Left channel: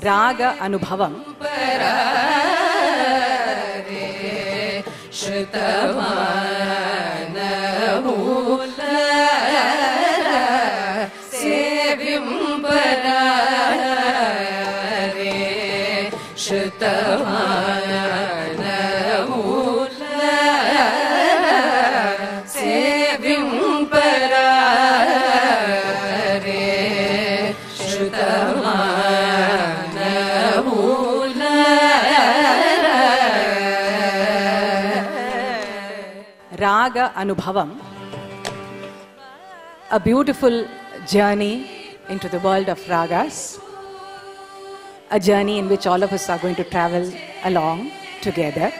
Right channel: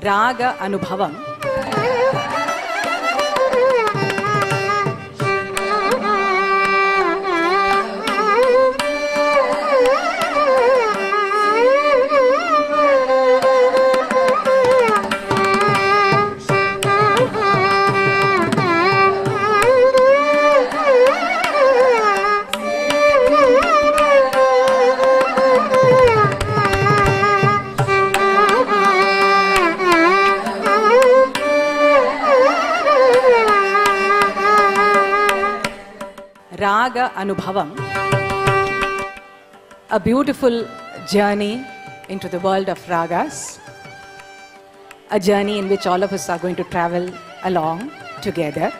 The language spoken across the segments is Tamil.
Raga Anubhavam. Raga Anubhavam, a beautiful journey into the world of ragas, a journey in which all of us are going to travel along together.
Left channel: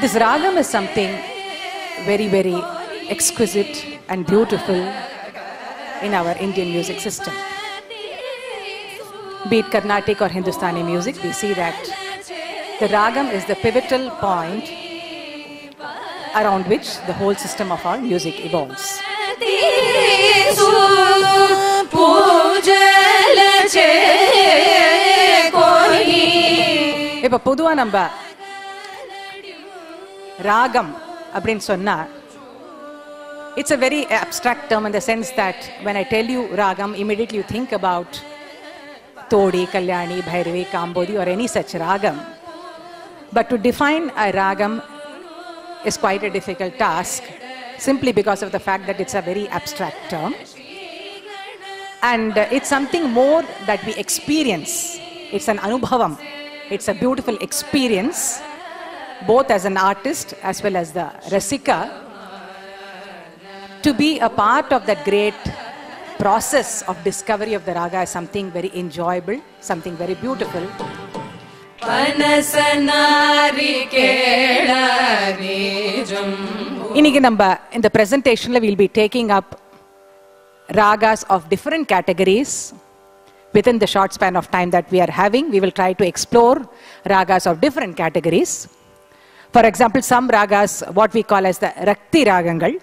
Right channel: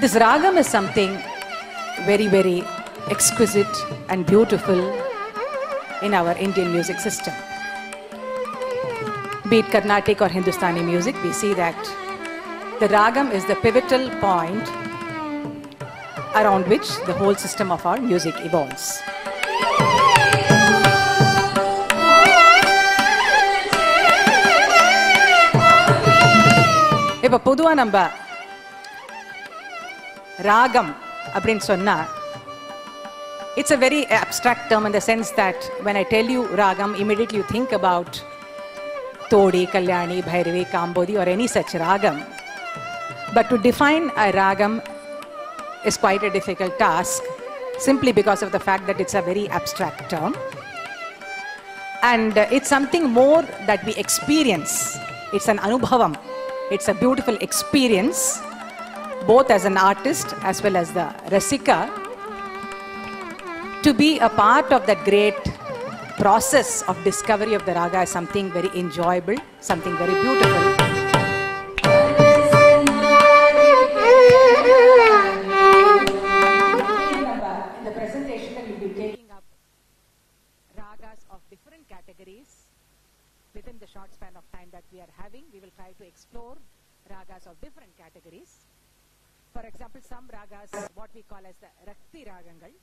This ragam is something very, very exquisite and beautiful in our Indian music system. Be it Carnatic or Hindustani music, we see that the ragam is the pivotal point around which the whole system of our music evolves. If பொதுவா நம்ம ragam அப்படின்னு சொன்னா, it's a very abstract term in the sense that when I tell you ragam, immediately you think about Todi, Kalyani, Bhairavi, Kambodi or any such ragam. But to define a ragam is quite a difficult task simply because of the fact that it's a very abstract term. And it's something more that we experience. It's an anubhavam. It's a beautiful experience, both as an artist as well as the rasika, to be a part of that great process of discovery of the raga is something very enjoyable, something very beautiful. In the presentation, we'll be taking up ragas of different categories. Within the short span of time that we are having, we will try to explore ragas of different categories. For example, some ragas, what we call as the Rakti Ragangal,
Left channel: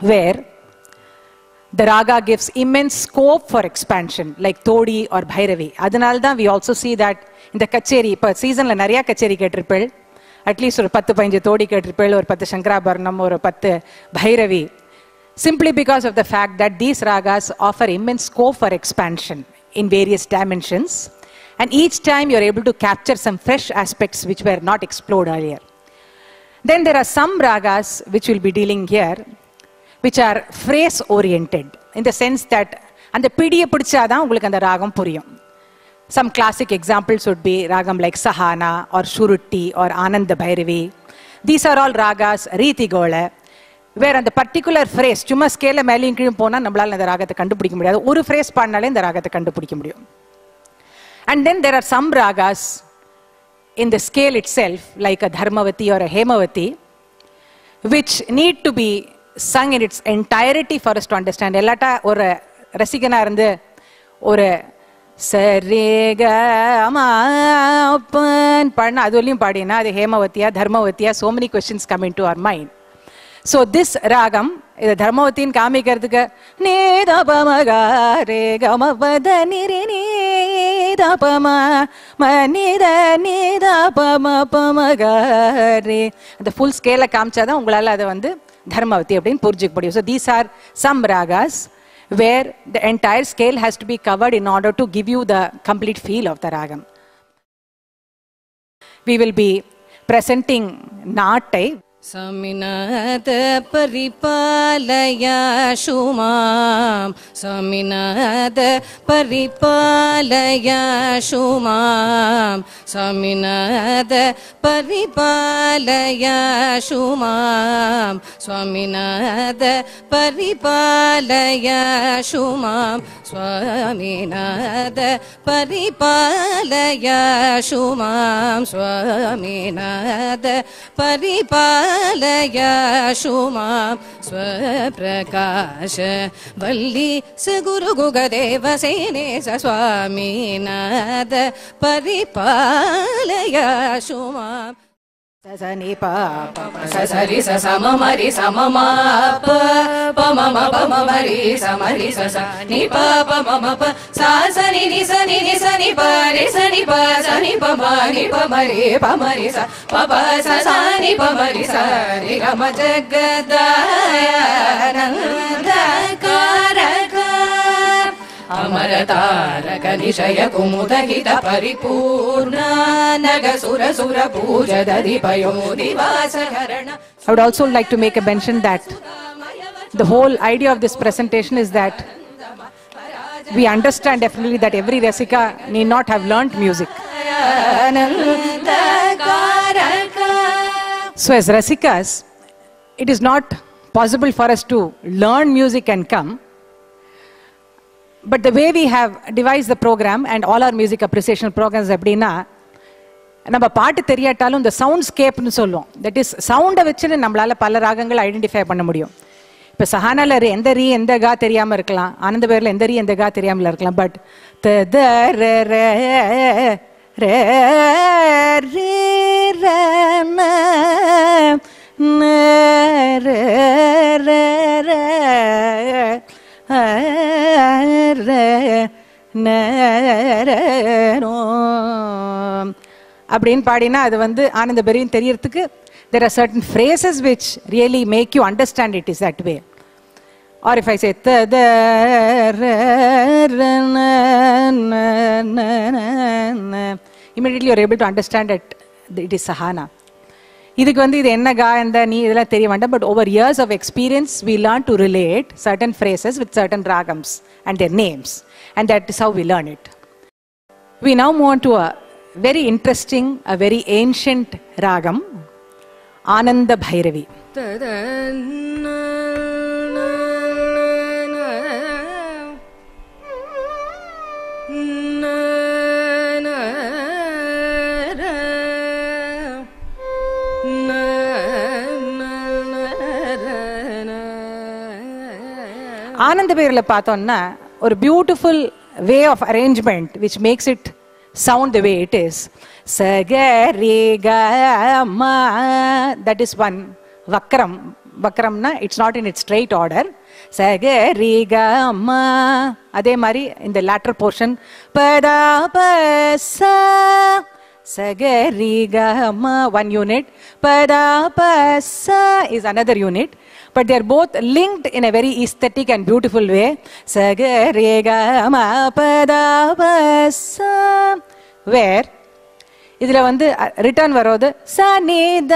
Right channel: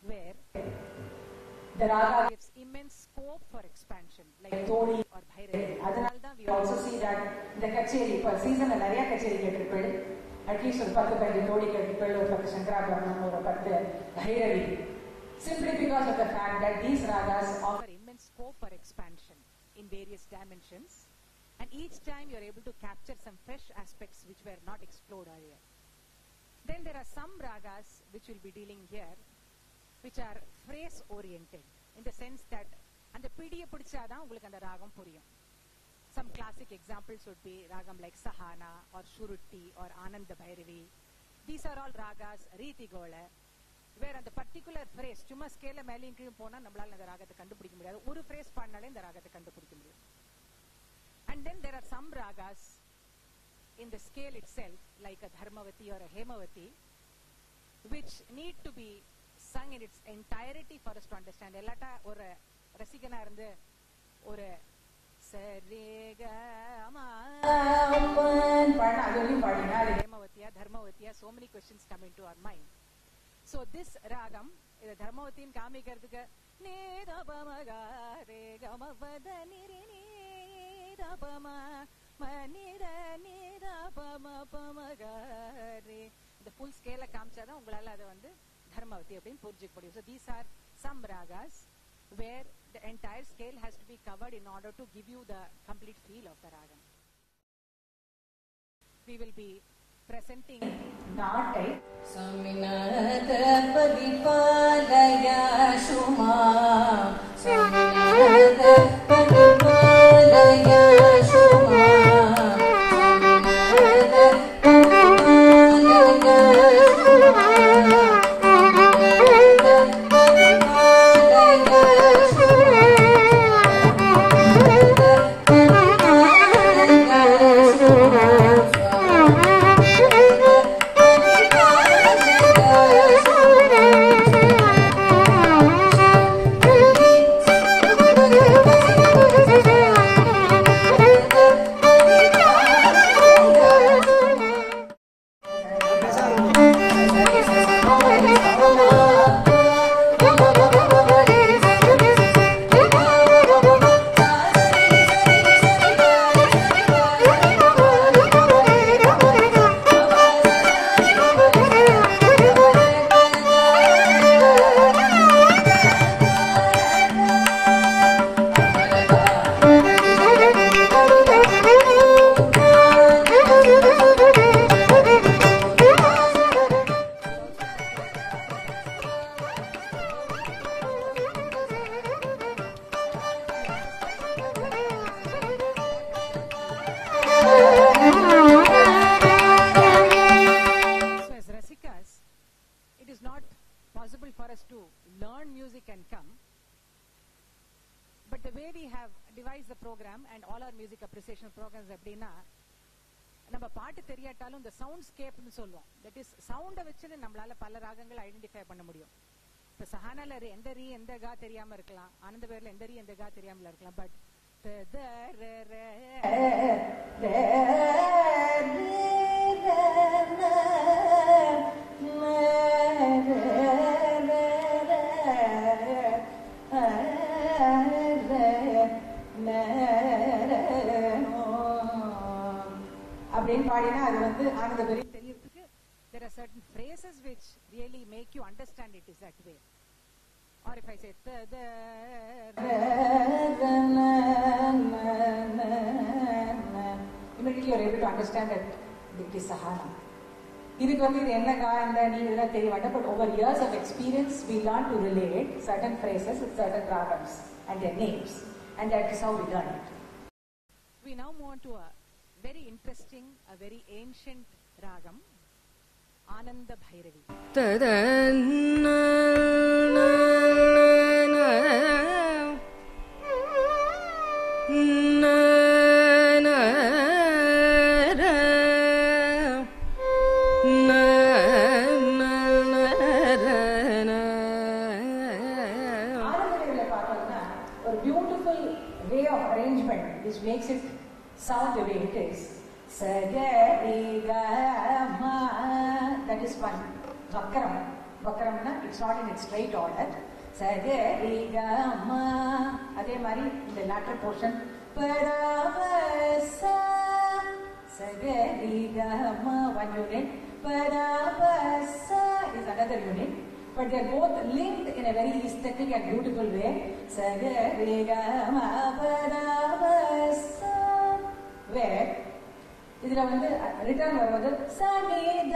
where the raga gives immense scope for expansion, like Todi or Bhairavi. Adanalda, we also see that in the kacheri, per season la nariya kacheri ketripel, at least or 10-15 Todi ketripel or 10 Shankarabharanam or 10 Bhairavi, simply because of the fact that these ragas offer immense scope for expansion in various dimensions, and each time you are able to capture some fresh aspects which were not explored earlier. Then there are some ragas which we'll be dealing here, which are phrase oriented, in the sense that and the pidiya pidichada ungalku and ragam puriyum. Some classic examples would be ragam like Sahana or Shurutti or Ananda Bhairavi. These are all ragas Riti Gole, where on the particular phrase, chumma scale mele inkiyum pona nammalaala indha ragathai kandupidikka mudiyadhu, oru phrase paadnale indha ragathai kandupidikka mudiyum. And then there are some ragas in the scale itself, like a Dharmavati or a Hemavati, which need to be sung in its entirety for us to understand. Ellata or rasikana irundhu or sarega ma pan padna aduliyum padina adu Hemavatiya Dharmavatiya, so many questions come into our mind. So this ragam is Dharmavati in kaamikkaradhukku ne da pa ma ga re ga ma pa da ni re ni da pa ma ma ni da pa ma ga re. The full scale kaamchada ungalaala adu vandu Dharmavati appdin purjikka mudiyum. So these are some ragas where the entire scale has to be covered in order to give you the complete feel of the ragam. We will be presenting Natai, Saminat paripalaya shumam, Saminat paripalaya shumam, Saminat paripalaya shumam, Saminat paripalaya shumam, Saminat paripalaya shumam, Saminat paripalaya shumam, Swaprakash Valli Saguru Gurudeva Sene Swaminat paripalaya shumam. Sasanipa Sasari Sasamamari Samama Pamama Pamamari Samari Sasanipa Pamama Sasani Nisani Nisani Pari Sani Pasani Pamari Pamari Pamari Sa Papa Sasani Pamari Sani Ramadakadaya Karaka Amarata Nagadishaya Kumudagita Paripurna Nagasura Sura Puja Dadipayo Divasaharana. I would also like to make a mention that the whole idea of this presentation is that we understand definitely that every Rasika need not have learnt music. So as Rasikas, it is not possible for us to learn music and come. But the way we have devised the program and all our music appreciation programs அப்படின்னா நம்ம பாட்டு தெரியாட்டாலும் இந்த சவுண்ட்ஸ்கேப்னு சொல்லுவோம். தட் இஸ் சவுண்டை வச்சு நம்மளால பல ராகங்கள் ஐடென்டிஃபை பண்ண முடியும். இப்போ சஹானால எந்த ரீ எந்த கா தெரியாமல் இருக்கலாம், ஆனந்த பேரில் எந்த ரீ எந்த கா தெரியாமல் இருக்கலாம். பட் த த ர ர ர ரீ ர ந ந ர ர ர ர ந ர நோ அப்படின்னு பாடினா அது வந்து ஆனந்த பெரியும் தெரியறதுக்கு there are certain phrases which really make you understand it is that way. Or if I say ta da ra ra na na na na, immediately you are able to understand that it is sahana. இதுக்கு வந்து இது என்ன கா இந்த நீ இதெல்லாம் தெரிய வேண்டாம். But over years of experience we learn to relate certain phrases with certain ragams and their names, and that is how we learn it. We now move on to a very interesting, a very ancient ragam, Ananda Bhairavi. Ananda Bhairavi பார்த்தோம்னா ஒரு beautiful way of arrangement which makes it sound the way it is. Sagariga ma, that is one vakram. Vakramna, it's not in its straight order. Sagariga ma, adhe mari in the latter portion pada pasa. Sagariga ma, one unit. Pada pasa is another unit. But they are both linked in a very aesthetic and beautiful way. Sagariga ma pada pasa, where இதுல வந்து ரிட்டர்ன் வரோது சனித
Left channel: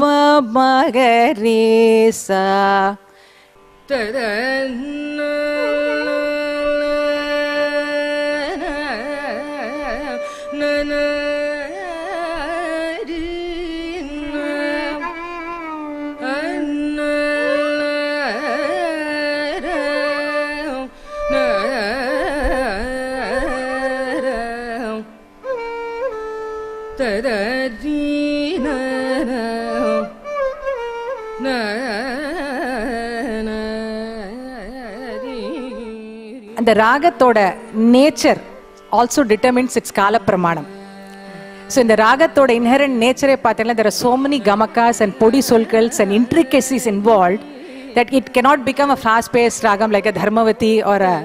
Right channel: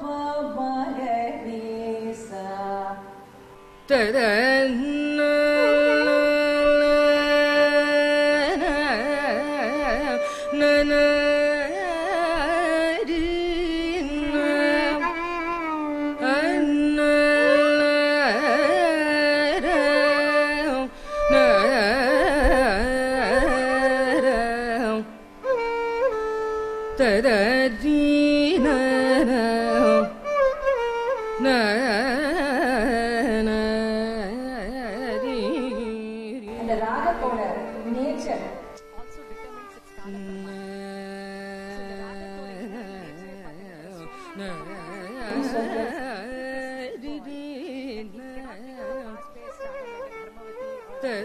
பமகரேசா அந்த ராகத்தோட நேச்சர் ஆல்சோ டிட்டர்மின்ஸ் இட்ஸ் கால பிரமாணம். ஸோ இந்த ராகத்தோட இன்ஹெரண்ட் நேச்சரே பார்த்தீங்கன்னா there are so many gamakas and பொடி சொற்கள்ஸ் and intricacies involved that it cannot become a fast-paced ragam like a Dharmavati or a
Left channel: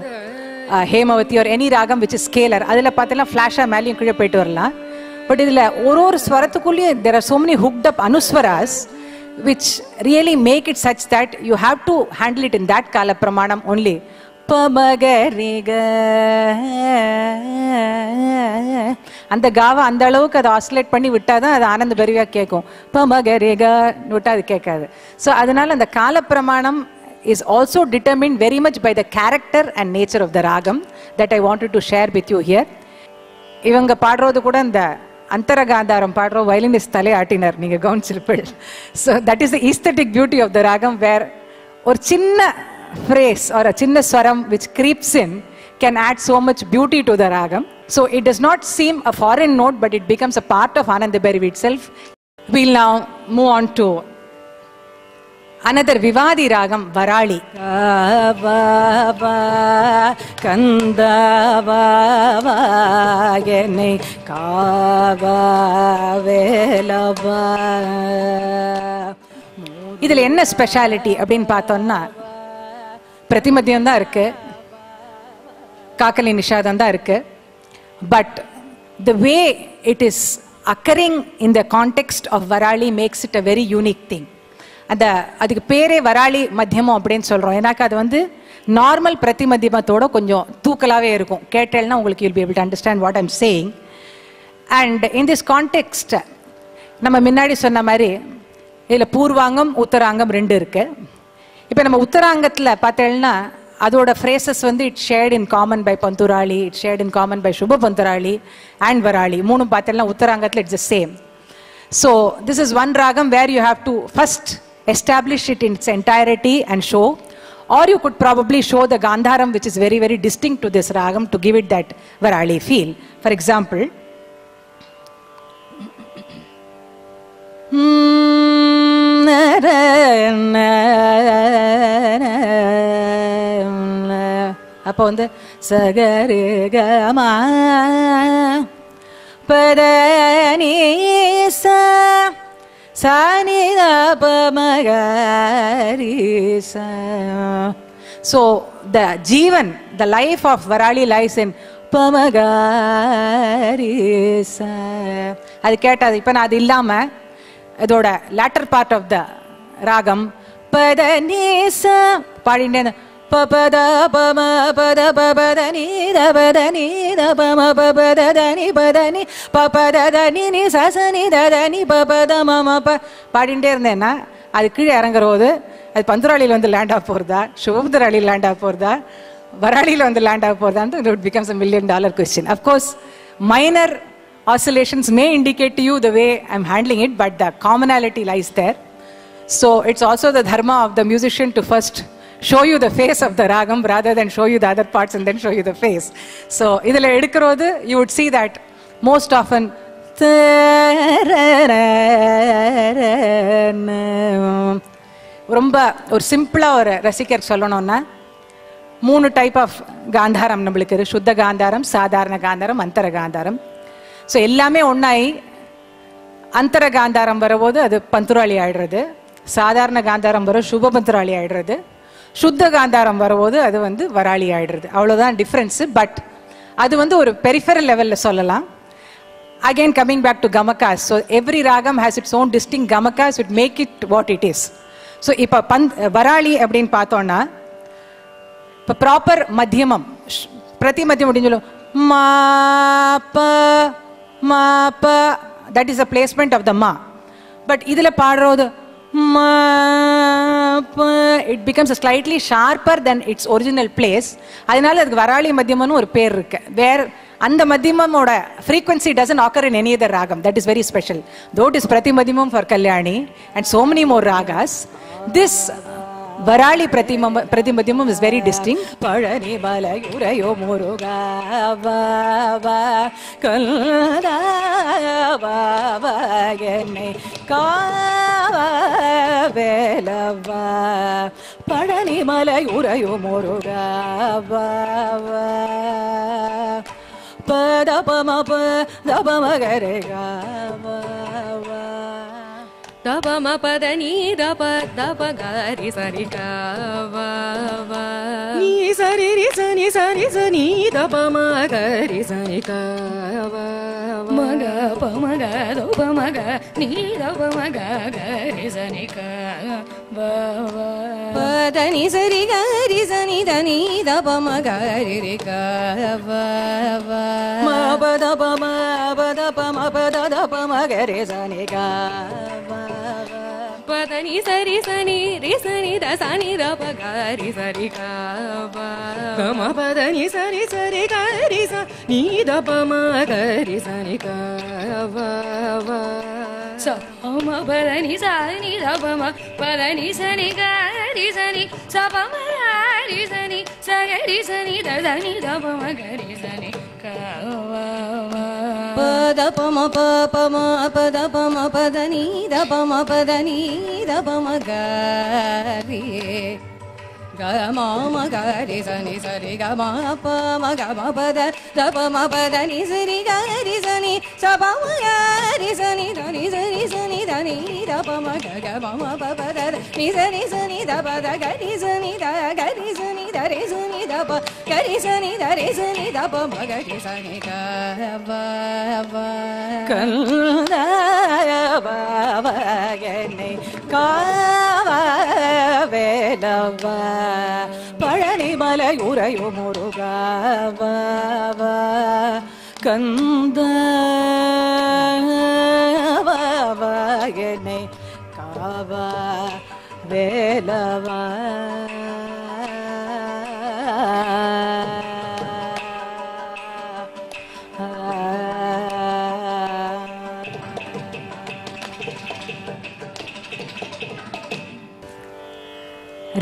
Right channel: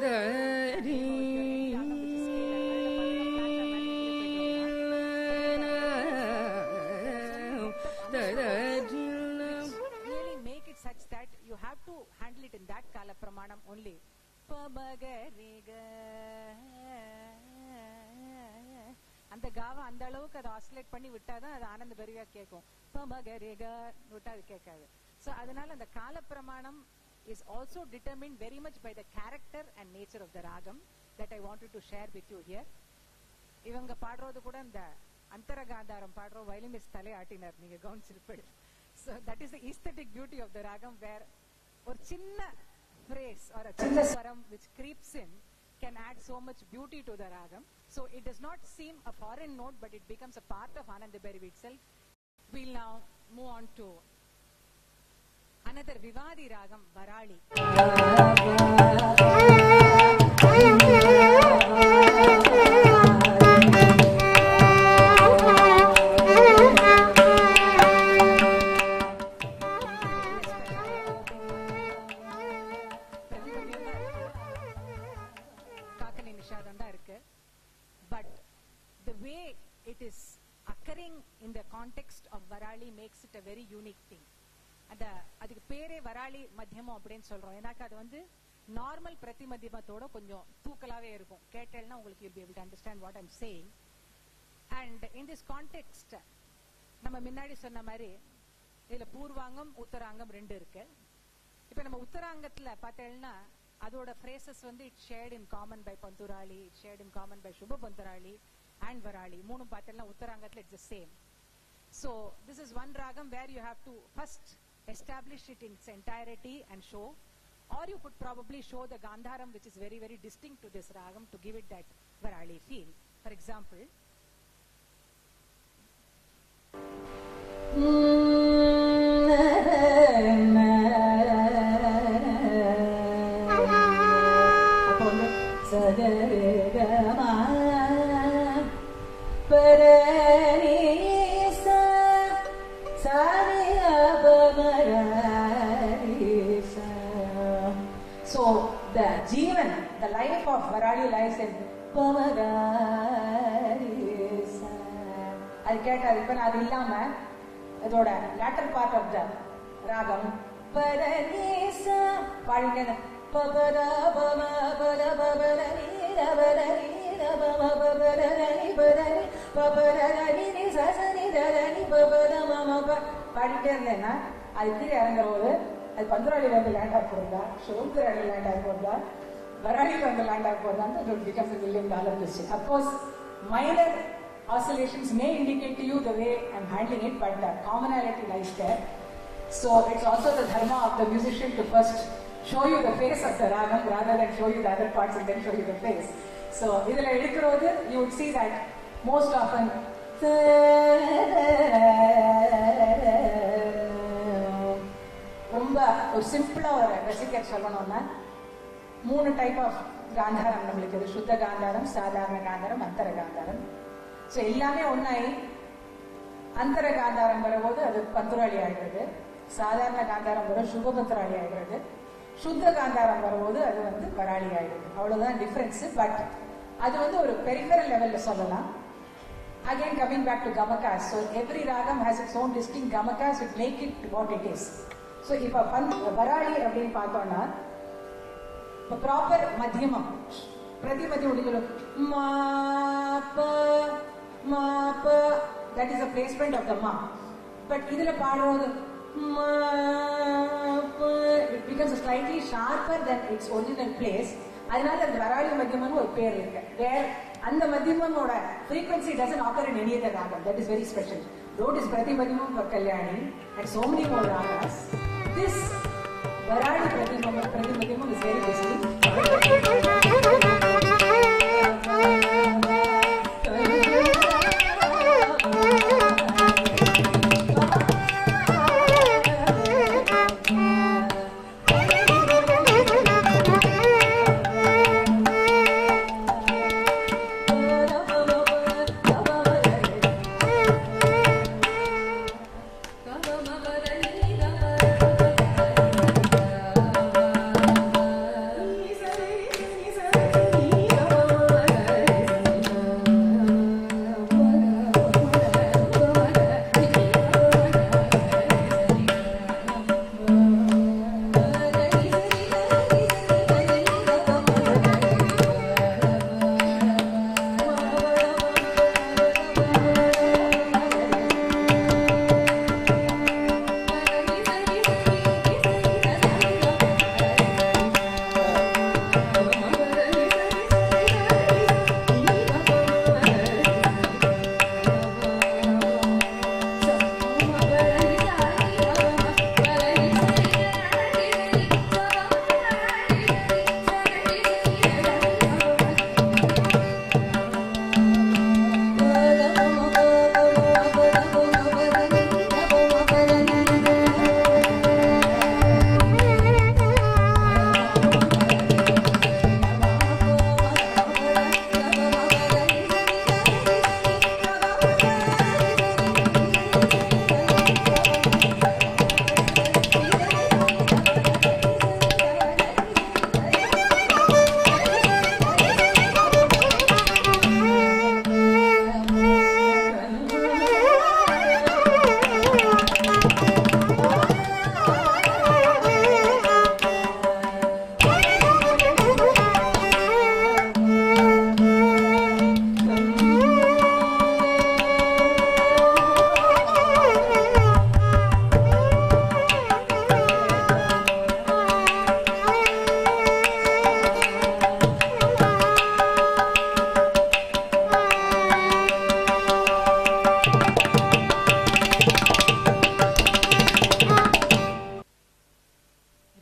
Hemavati or any ragam which is scalar. அதில் பார்த்தீங்கன்னா ஃப்ளாஷாக மேலேயும் கீழே போயிட்டு வரலாம். பட் இதில் ஒரு ஸ்வரத்துக்குள்ளேயே there are so many hooked up anuswaras which really make it such that you have to handle it in that kala pramanam only. அந்த காவை அந்த அளவுக்கு அதை ஆசிலேட் பண்ணி விட்டால் தான் அது ஆனந்த பரிவாக கேட்கும். பமகரேகா விட்டால் அது கேட்காது. ஸோ அதனால அந்த காலப்பிரமாணம் is also determined very much by the character and nature of the ragam that I wanted to share with you here. இவங்க பாடுறது கூட இந்த அந்தரகாந்தாரம் பாடுறோம், வயலினிஸ்ட் தலை ஆட்டினார், நீங்கள் கவனிச்சிருப்பீள். So that is the aesthetic beauty of the ragam, where ஒரு சின்ன phrase or a chinna swaram which creeps in can add so much beauty to the ragam. So it does not seem a foreign note, but it becomes a part of Ananda Bhairavi itself. We'll now move on to another Vivadi ragam, Varali. இதில் என்ன ஸ்பெஷாலிட்டி அப்படின்னு பார்த்தோம்னா, பிரதிமத்தியம் தான் இருக்கு, காக்கலி நிஷாதம் தான் இருக்கு. But the way it is occurring in the context of Varali makes it a very unique thing. அதுக்கு பேரே வராளி மத்தியமம் அப்படின்னு சொல்கிறோம். ஏன்னாக்கா அது வந்து நார்மல் பிரதி மத்தியமத்தோட கொஞ்சம் தூக்கலாகவே இருக்கும். கேட்டேன்னா உங்களுக்கு you'll be able to understand what I'm saying. And in this context, நம்ம முன்னாடி சொன்ன மாதிரி இதில் பூர்வாங்கம் உத்தராங்கம் ரெண்டு இருக்கு. இப்போ நம்ம உத்தராங்கத்தில் பார்த்தேன்னா அதோட ஃப்ரேசஸ் வந்து it shared in common by Pantuvarali, it shared in common by Shubha Pantuvarali and Varali. மூணும் பார்த்தேன்னா உத்தராங்கத்தில் it's the same. So this is one ragam where you have to first establish it in its entirety and show, or you could probably show the Gandharam, which is very, very distinct to this ragam, to give it that Varali feel. For example, அப்போ வந்து சகரேகமா பதனீசா So the Jeevan, the life of Varali lies in Pamagarisa. அது கேட்டாது. இப்போ நான் அது இல்லாமல் அதோட லேட்டர் பார்ட் ஆஃப் த ராகம் பதனீசா பாடினேன். பபத பம பத பபதனி தபதனி தபம பபதனி பதனி பபதனி நி சசனி ததனி பபத மம பாடிட்டே இருந்தேன்னா அது கீழே இறங்குறது அது பந்துராளியில் வந்து லேண்ட் ஆக போகிறதா, சுபமுத்திராளியில் லேண்ட் ஆக போகிறதா, வராளியில் வந்து லேண்ட் ஆக போகிறதா, it becomes a $1 million question. Of course, minor oscillations may indicate to you the way I'm handling it, but the commonality lies there. So it's also the dharma of the musician to first show you the face of the ragam rather than show you the other parts and then show you the face. So idhula edukkirodhu you would see that most often ரொம்ப ஒரு சிம்பிளா ஒரு ரசிகர் சொல்லணும்னா 3 டைப் ஆஃப் காந்தாரம் நம்மளுக்கு இருக்கு. சுத்த காந்தாரம், சாதாரண காந்தாரம், அந்தர காந்தாரம். ஸோ எல்லாமே ஒன்றாயி அந்தர காந்தாரம் வரும்போது அது பந்துராளி ஆயிடுறது, சாதாரண காந்தாரம் வரும் சுப பந்துராளி ஆயிடுறது, சுத்த காந்தாரம் வரும்போது அது வந்து வராளி ஆயிடுறது. அவ்வளோதான் டிஃப்ரென்ஸு. பட் அது வந்து ஒரு பெரிஃபரல் லெவலில் சொல்லலாம். Again coming back to gamakas. So every ragam has its own distinct gamakas with make it what it is. So இப்போ வராளி அப்படின்னு பார்த்தோன்னா இப்போ ப்ராப்பர் மத்தியமம் பிரதி மத்தியம் அப்படின்னு சொல்லுவோம். மா ப மா ப that is a placement of the மா. பட் இதில் பாடுறது it becomes a slightly sharper than its original place. அதனால அதுக்கு வராளி மத்தியமம்னு ஒரு பேர் இருக்கு. வேர் அந்த மத்தியமோட frequency doesn't occur in any other ragam. That is very special. Though it is prati madhyamam for Kalyani and so many more ragas, this Varali prati madhyamam is very distinct. Palani balagurayo muruga va va kalra va va yeni ka velava palani balagurayo muruga va pada pama pa dabama garega dabama padani daba daba gari sarika va va ni sari ri sani sari sani dabama gari sarika va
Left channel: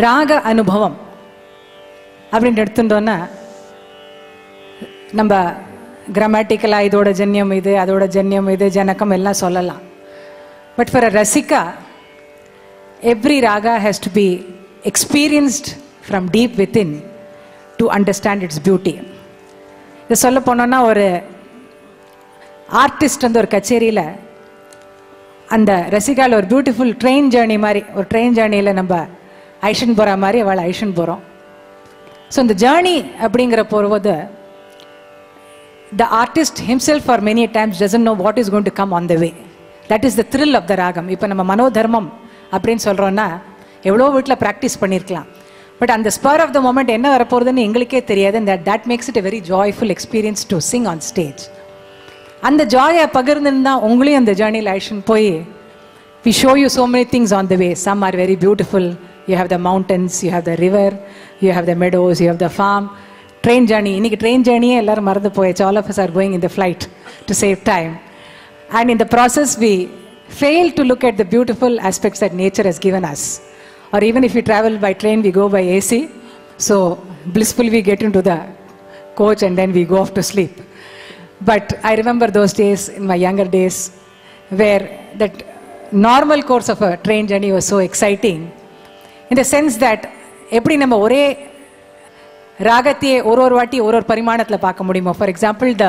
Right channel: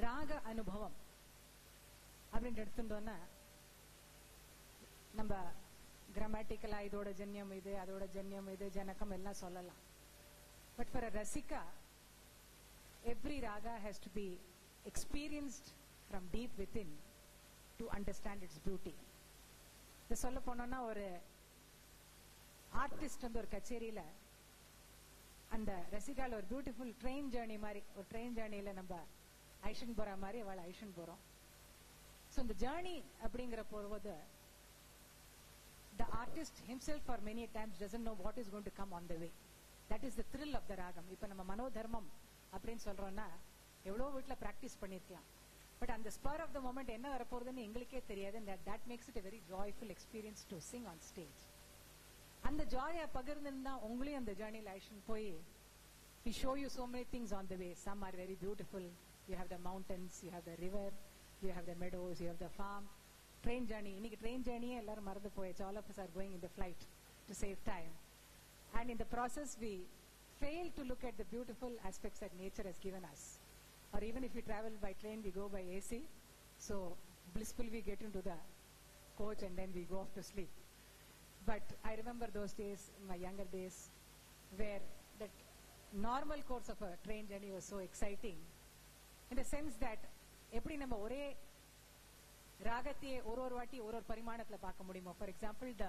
ராக அனுபவம் அப்படின்னு எடுத்துட்டோன்னா நம்ம கிராமட்டிக்கலாக இதோட ஜன்யம் இது அதோட ஜன்யம் இது ஜனக்கம் எல்லாம் சொல்லலாம். But for a rasika every raga has to be experienced from deep within to understand its beauty. இதை சொல்ல போனோன்னா ஒரு ஆர்டிஸ்ட் வந்து ஒரு கச்சேரியில் அந்த ரசிகாவில் ஒரு பியூட்டிஃபுல் ட்ரெயின் ஜேர்னி மாதிரி ஒரு ட்ரெயின் ஜேர்னியில் நம்ம ஐஷன் போகிற மாதிரி அவளை ஐஷன் போகிறோம். ஸோ இந்த ஜேர்னி அப்படிங்கிற போகும்போது the artist himself for many times doesn't know what is going to come on the way. That is the thrill of the ragam. இப்போ நம்ம மனோதர்மம் அப்படின்னு சொல்கிறோன்னா எவ்வளோ வீட்டில் ப்ராக்டிஸ் பண்ணியிருக்கலாம். பட் அந்த ஸ்பர் ஆஃப் த மூமெண்ட் என்ன வரப்போகுதுன்னு எங்களுக்கே தெரியாது. that makes it a very joyful experience to sing on stage. அந்த ஜாயை பகிர்ந்துன்னா உங்களையும் அந்த ஜேர்னியில் ஐஷன் போய் we show you so many things on the way. Some are very beautiful. You have the mountains, you have the river, you have the meadows, you have the farm. Train journey. இன்னைக்கு train journey எல்லாரும் மறந்து போயிடுச்சு. All of us are going in the flight to save time. And in the process we fail to look at the beautiful aspects that nature has given us. Or even if we travel by train, we go by AC. So blissfully we get into the coach and then we go off to sleep. But I remember those days in my younger days where that normal course of a train journey was so exciting. In the sense that எப்படி நம்ம ஒரே ராகத்தையே ஒரு வாட்டி ஒரு பரிமாணத்தில் பார்க்க முடியுமோ. For example the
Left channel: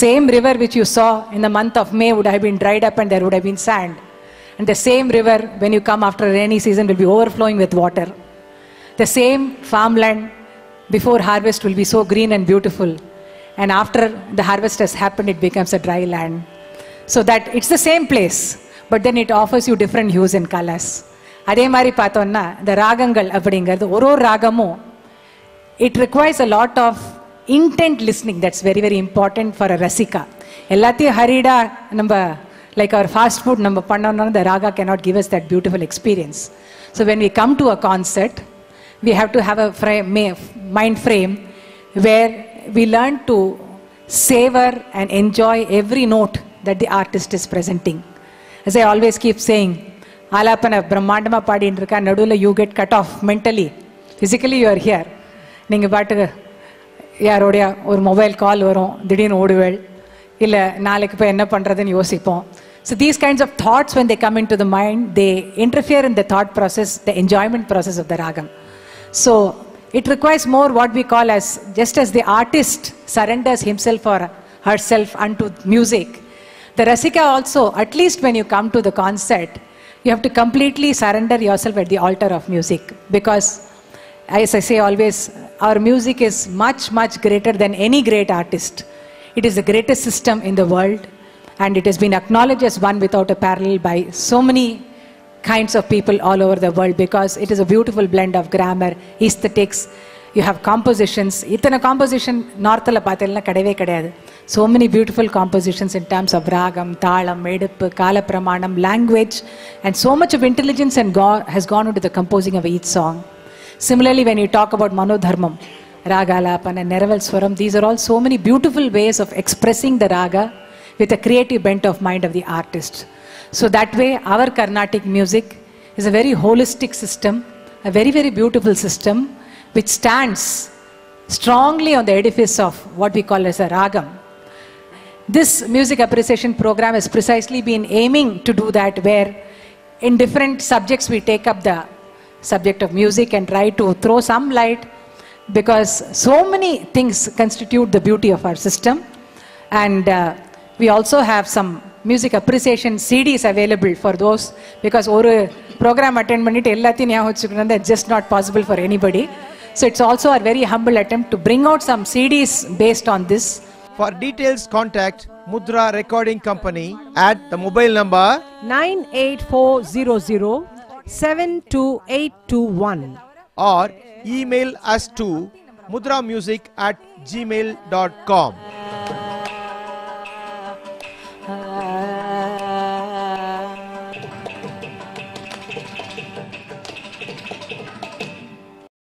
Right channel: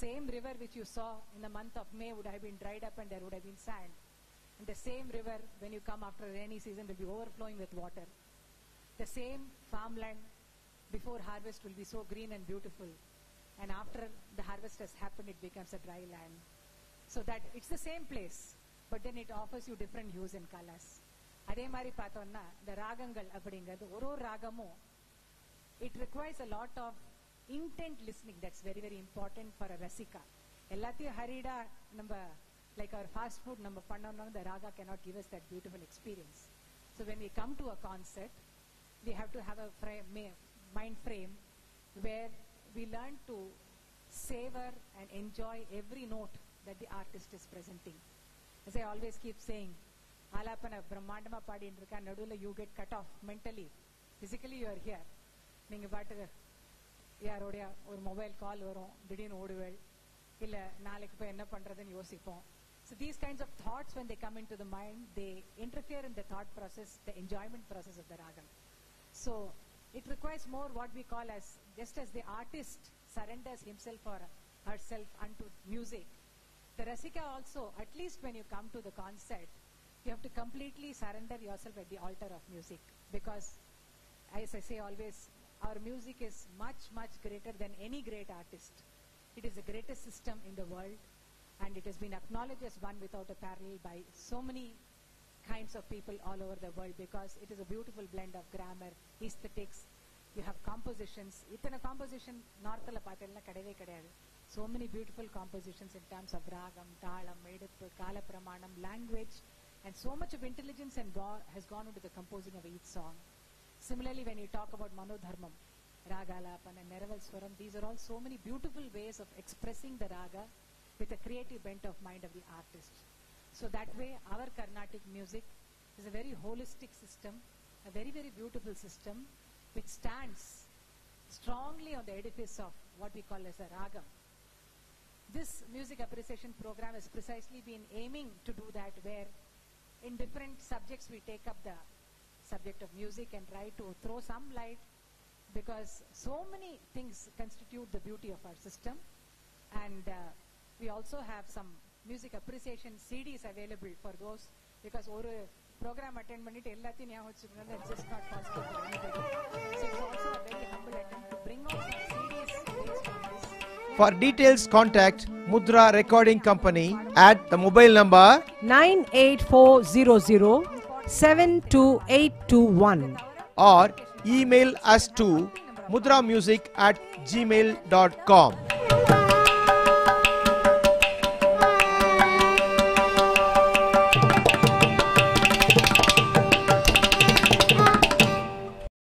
same river which you saw in the month of May would have been dried up and there would have been sand. And the same river when you come after a rainy season will be overflowing with water. The same farmland before harvest will be so green and beautiful. And after the harvest has happened it becomes a dry land. So that it's the same place but then it offers you different hues and colors. அதே மாதிரி பார்த்தோன்னா இந்த ராகங்கள் அப்படிங்கிறது ஒரு ராகமும் it requires a lot of intent listening. That's very very important for a rasika. எல்லாத்தையும் ஹரிடா நம்ம like our fast food நம்ம பண்ணோம்னா the raga cannot give us that beautiful experience. So when we come to a concert we have to have a mind frame where we learn to savor and enjoy every note that the artist is presenting. As I always keep saying, ஆலாப்பனை பிரம்மாண்டமாக பாடின்னு இருக்கா, நடுவில் you get cut off mentally. Physically you are here. நீங்கள் பாட்டுக்கு யாரோடைய ஒரு மொபைல் கால் வரும், திடீர்னு ஓடுவேள், இல்லை நாளைக்கு போய் என்ன பண்ணுறதுன்னு யோசிப்போம். So these kinds of thoughts when they come into the mind, they interfere in the thought process, the enjoyment process of the ragam. So it requires more what we call as, just as the artist surrenders himself or herself unto music, the rasika also, at least when you come to the concert, you have to completely surrender yourself at the altar of music. Because as I say always, our music is much much greater than any great artist. It is the greatest system in the world and it has been acknowledged as one without a parallel by so many kinds of people all over the world, because it is a beautiful blend of grammar, aesthetics, you have compositions. இத்தனை காம்போசிஷன் நார்த்தில் பார்த்தீங்கன்னா கிடையவே கிடையாது. So many beautiful compositions in terms of ragam, thalam, eduppu, kala pramanam, language, and so much of intelligence and has gone into the composing of each song. Similarly, when you talk about manodharmam, raga alapana, neraval swaram, these are all so many beautiful ways of expressing the raga with a creative bent of mind of the artist. So that way our Carnatic music is a very holistic system, a very very beautiful system which stands strongly on the edifice of what we call as a ragam. This music appreciation program has precisely been aiming to do that, where in different subjects we take up the subject of music and try to throw some light because so many things constitute the beauty of our system. And we also have some music appreciation CDs available for those, because one program attend pannittu ellathiyum ஞாபகம் வச்சுக்கணும், that's just not possible for anybody. So it's also a very humble attempt to bring out some CDs based on this. For details, contact Mudhra Recording Company at the mobile number 98400 72821 or email us to mudramusic@gmail.com.